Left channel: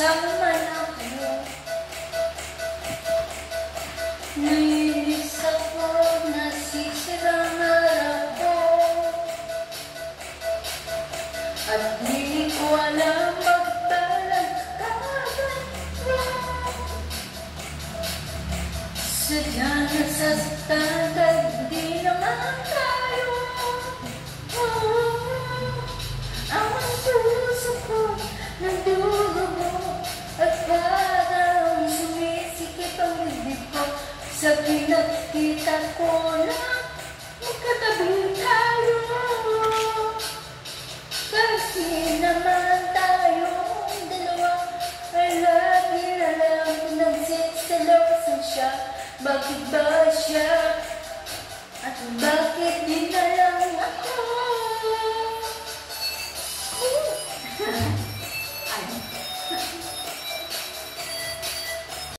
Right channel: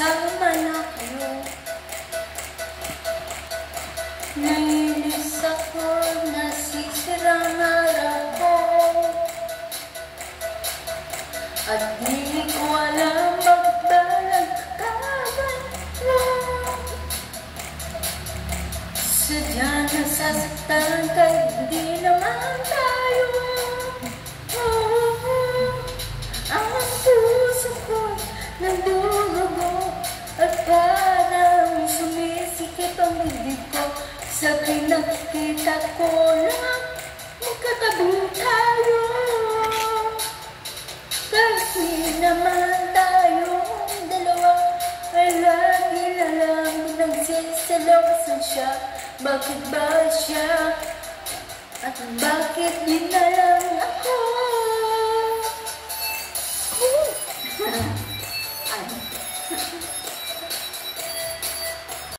magkasama na kayo. Nainis ako, nasisirang araw ko, at di ko alam magbalang kaganto. Sadya nasasaktan ka, hindi naman tayo. Ang puso ko nagdugo mo, at parang sumisikip ang dibdib ko. Sa pinagkita ko na magkatabi tayo, kasi naman tayong dalawa ay lagi na lang nagsisilosan siya. Bakit ba siya? At bakit di na lang ako?